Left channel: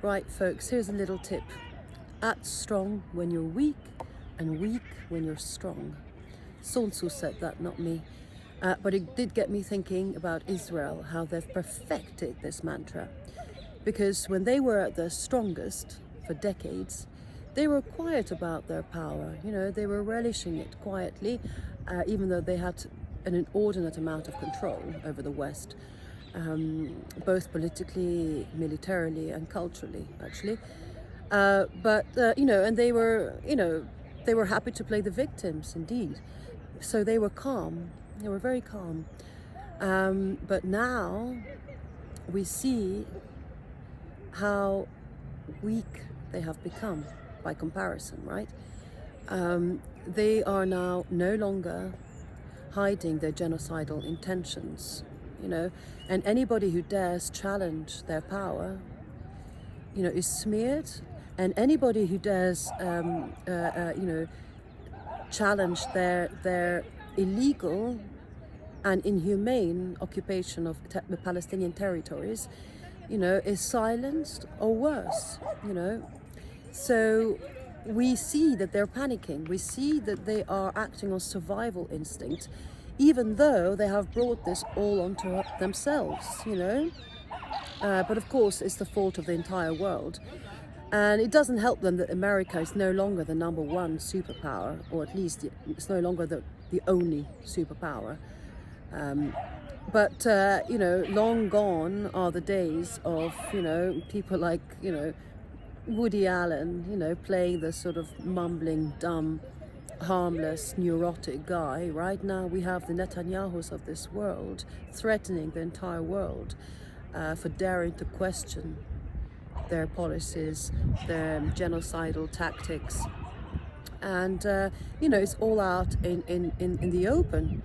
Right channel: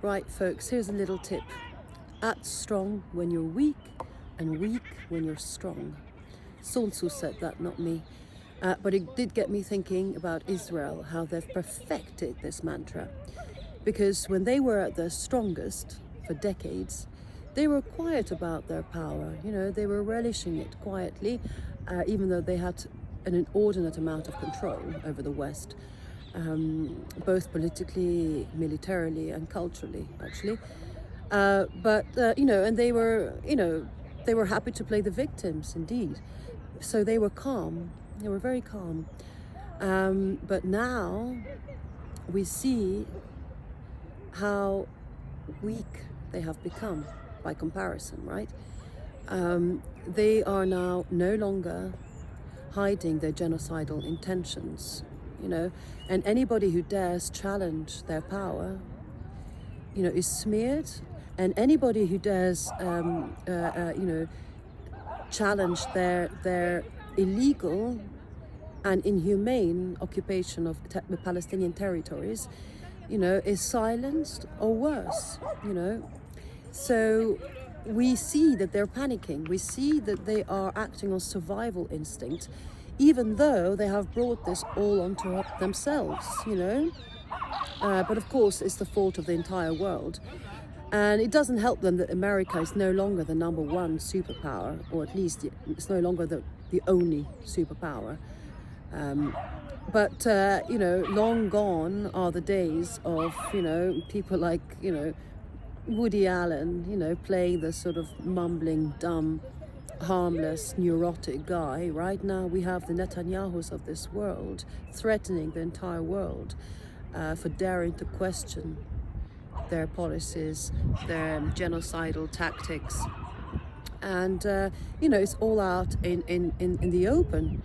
Right, folks, here's a little tip. Act strong when you're weak and weak when you're strong. Sun Tzu said that, not me. But it did get me thinking about Israel, how they've perfected this mantra. Because when they were at their strongest for decades, they were quiet about their power. You know, they were relishing it quietly, even though they had an inordinate amount of control over the West. Both politically, militarily, and culturally, actually. And they were happy to play the victims, indeed. So they were calm. They were very calm. But now we see how weak they have become by comparison, right? They are now no longer hiding their genocidal intentions, and anybody who dares challenge their power, is smeared, and anybody who dares, challenge their illegal and inhumane occupation of Palestinian territories, is silenced or worse, So we see that they're panicking. We see that they are acting on survival instinct, even though they have brought this all onto themselves, But of course, it's the fault of the entire world. And it doesn't help them that America is no longer the number one superpower, or at least it's no longer the only superpower. Long gone are the days of, people like, Woody Allen, playing the sort of mumbling, dumb, harmless, neurotic guy. Right now we have the Netanyahus of this world threatening the entire world for daring to question their policies, their genocidal tactics. And, it's all out in the open,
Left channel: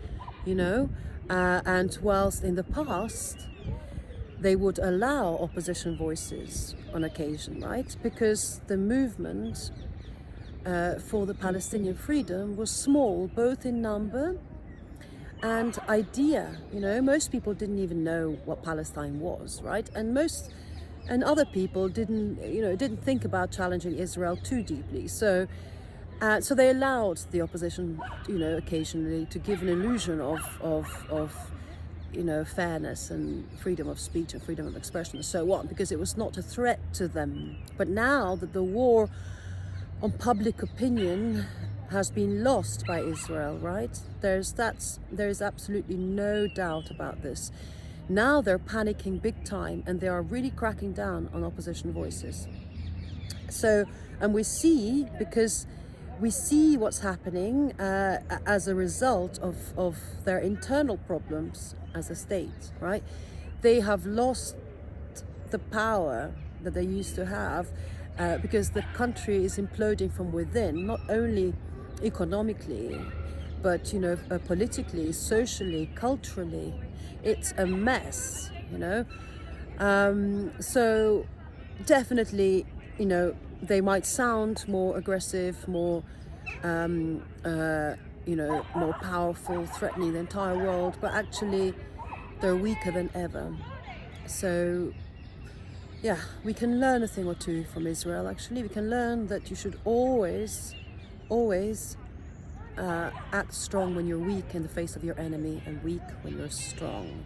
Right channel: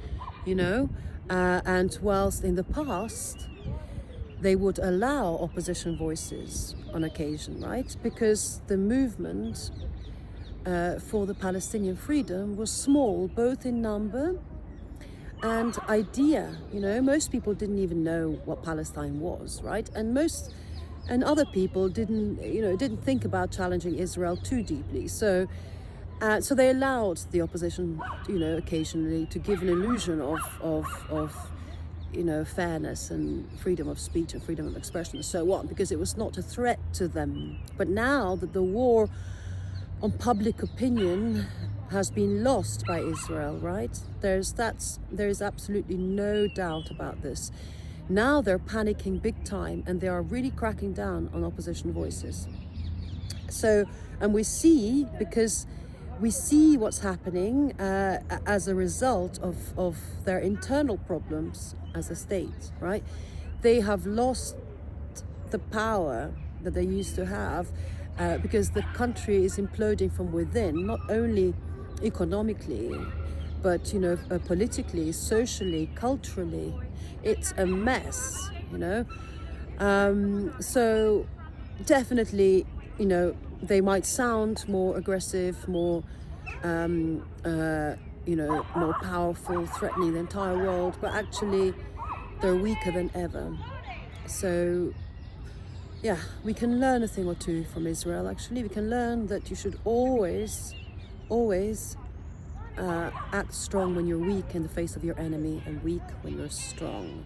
and whilst in the past they would allow opposition voices on occasion, right? Because the movement for the Palestinian freedom was small, both in number and idea. Most people didn't even know what Palestine was, right? And other people didn't think about challenging Israel too deeply. So they allowed the opposition, occasionally to give an illusion of fairness and freedom of speech and freedom of expression and so on, because it was not a threat to them. But now that the war on public opinion has been lost by Israel, right? There's absolutely no doubt about this. Now they're panicking big time, and they are really cracking down on opposition voices. So, and we see what's happening as a result of their internal problems as a state, right? They have lost the power that they used to have because the country is imploding from within, not only economically, but politically, socially, culturally. It's a mess, So definitely, they might sound more aggressive, more more powerful, threatening the entire world, but actually they're weaker than ever. So yeah, we can learn a thing or two from Israel. Actually, we can learn that you should always act strong when you're weak in the face of your enemy, and weak when you're strong.